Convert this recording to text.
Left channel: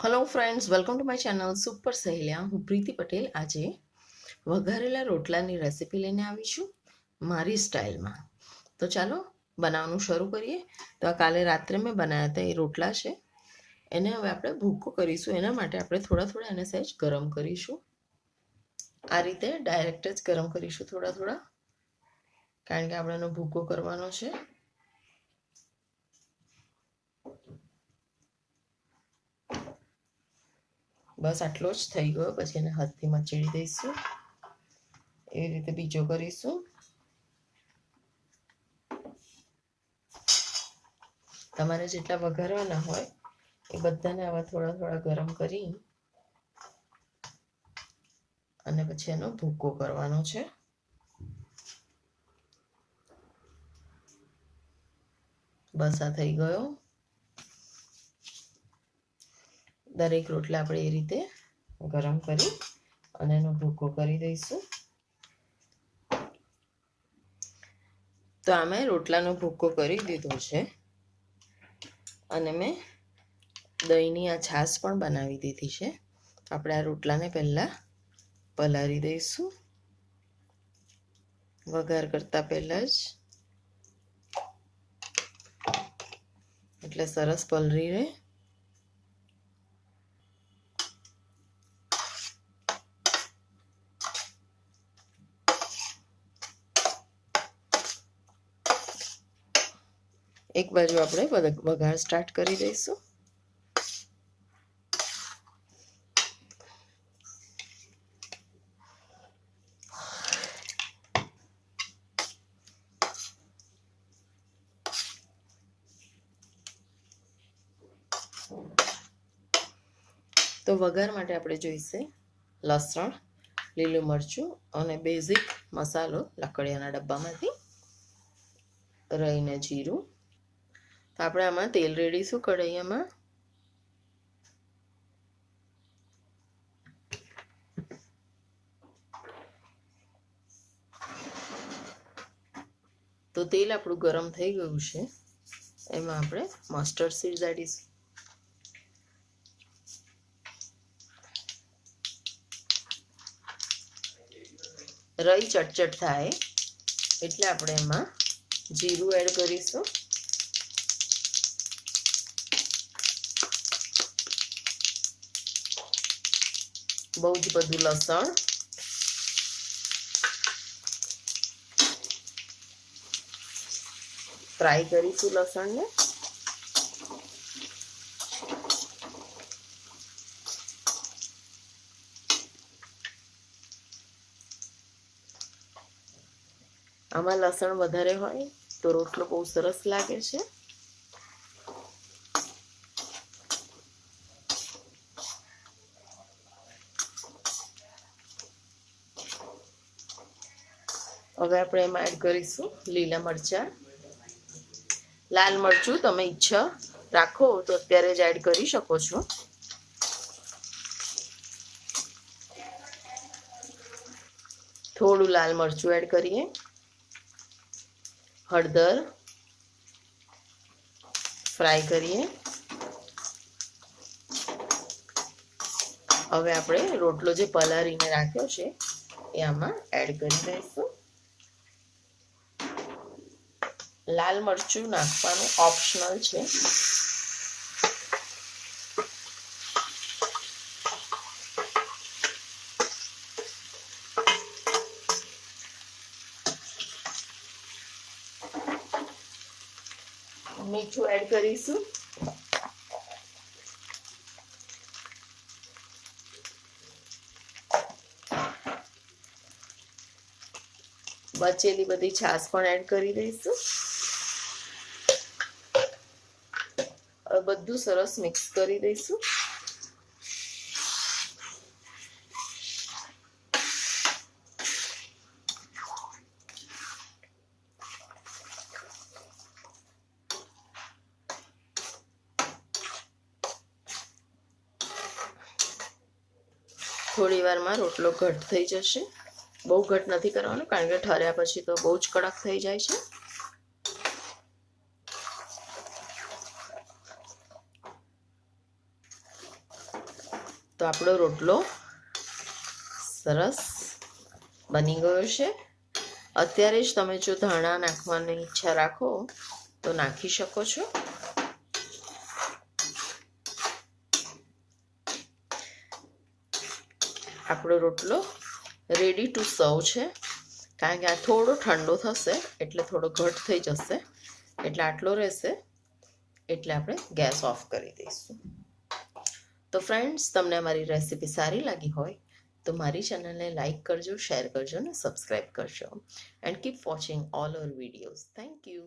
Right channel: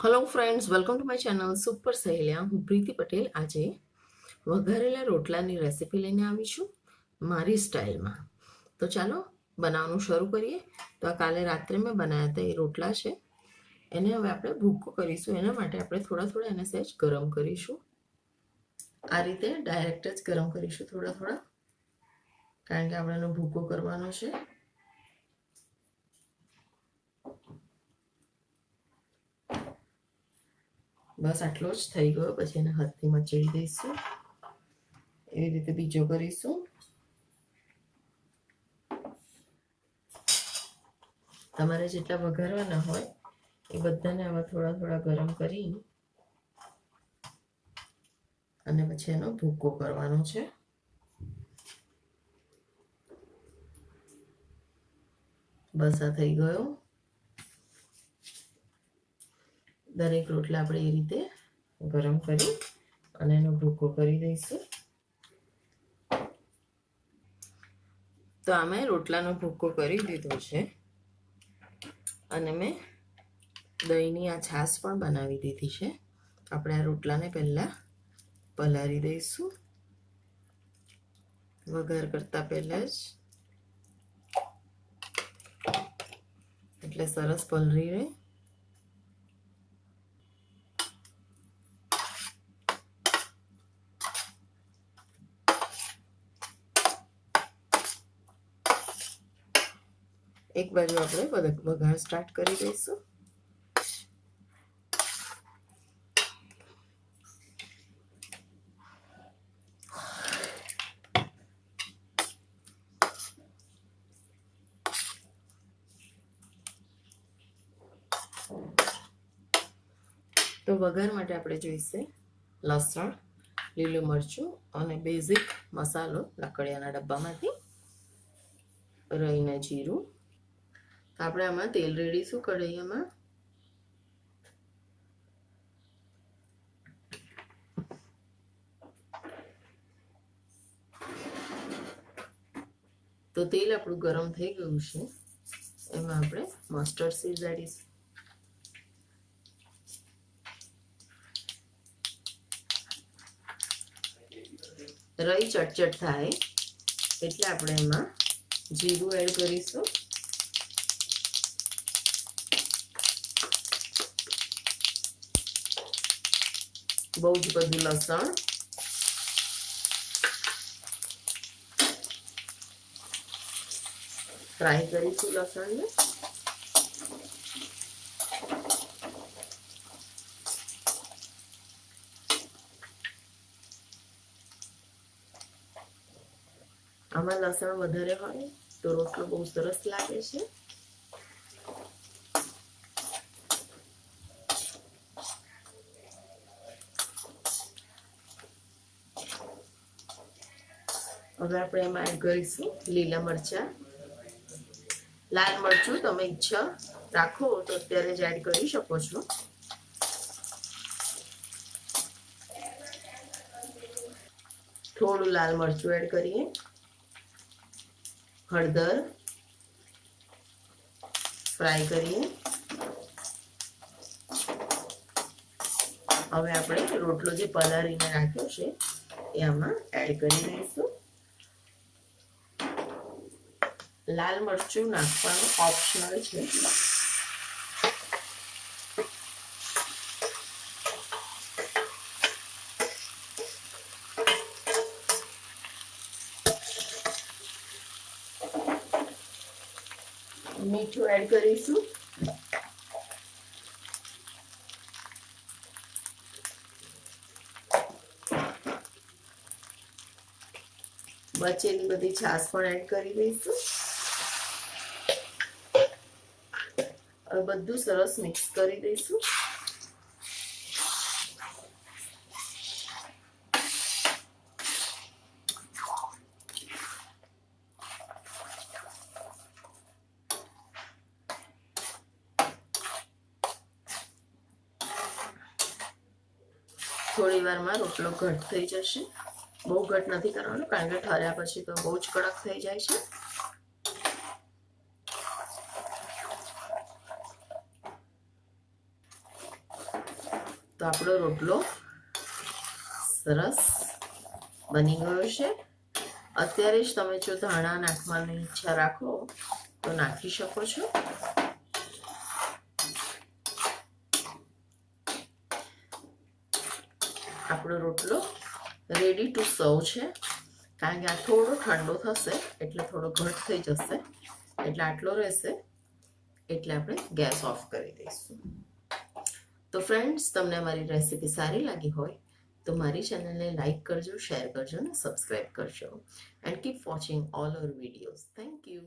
Hello friends, welcome to my channel super સહેલિયા. હું પ્રીતિ પટેલ આજે વઘારેલા રોટલાની રેસીપી લઈને આવી છું મારી સ્ટાઇલમાં. તો ચાલો બનાવવાનું શરૂ કરીએ. તો આ કાલે રાત્રે મેં બનાવ્યા હતા એ રોટલા છે, એને હવે આપણે ભૂકો કરીશું. એના માટે આપણે થોડા થોડા એને સહેજ ગરમ કરીશું. આ રીતે ડાયરેક્ટ જ ગરમ કરીશું થોડા થોડા, કારણ કે આપણે એનો ભૂકો કરવાનો છે. બસ આટલો જ થઈ ગયો. પછી એને હાથથી મચેડી દઈશું. એવી રીતે બીજો કરીશું. તમારે જેટલા વઘારવાના હોય એ બધાને આવા થોડા થોડા ગરમ કરી અને પછી એનો ભૂકો કરવાનો છે. બસ આ થઈ ગયો. દરેક રોટલા આપણે એ રીતે ગરમ કરી અને એનો ભૂકો કરી દઈશું. તો આમે રોટલાનો ભૂકો કરી દીધો છે અને મેં દહીંની આ છાશ પણ બનાવી દીધી છે. આપણે આ રોટલાને પહેલાં પલાળી દઈશું વઘાર કરતા પહેલાં જ, એટલે સરસ પલળી રહે. એક બાજુ આપણે વઘાર સ્ટાર્ટ કરી દઈશું. તો વઘાર માટે આપણે જોઈશે લસણ, લીલું મરચું અને બેઝિક મસાલો લાકડિયાના ડબ્બામાંથી, રાઈ ને જીરું. તો આપણે આમાં તેલ રેડીશું કઢાઈયામાં. તો તેલ આપણું ગરમ થઈ ગયું છે. એમાં આપણે મસ્ટર્ડ સીડ દાડીશું. રાઈ ચટચટ થાય એટલે આપણે એમાં જીરું એડ કરીશું. બહુ જ બધું લસણ, ફ્રાય કરીશું લસણને. આમાં લસણ વધારે હોય તો રોટલો બહુ સરસ લાગે છે. હવે આપણે એમાં એડ કરીશું લીલા મરચાં. લાલ મરચું તમે ઈચ્છા રાખો તો અત્યારે જ એડ કરી શકો છો. થોડું લાલ મરચું એડ કરીએ. હળદર ફ્રાય કરીએ. હવે આપણે રોટલો જે પલાળીને રાખ્યો છે એ આમાં એડ કરી દઈશું. લાલ મરચું નાખવાનું ઓપ્શનલ છે. મીઠું એડ કરીશું. બચેલી બધી છાશ પણ એડ કરી દઈશું. હવે બધું સરસ મિક્સ કરી દઈશું. થોડી વારમાં રોટલો ઘટ થઈ જશે. બહુ ઘટ નથી કરવાનો, કારણ કે ઠર્યા પછી તો બહુ જ કડક થઈ જાય છે. આપણો રોટલો સરસ બની ગયો છે. અત્યારે જ તમે જો ધાણા નાખવાની ઈચ્છા રાખો તો નાખી શકો છો. આપણો રોટલો રેડી ટુ સર્વ છે. કારણ કે આ થોડો ઠંડો થશે એટલે થોડો ઘટ થઈ જશે, એટલે આટલો રહેશે એટલે આપણે ગેસ ઓફ કરી દઈશું. તો ફ્રેન્ડ્સ, તમને મારી રેસીપી સારી લાગી હોય તો મારી ચેનલને લાઈક કરજો, શેર કરજો અને સબસ્ક્રાઈબ કરજો. And keep watching all our videos. Thank you.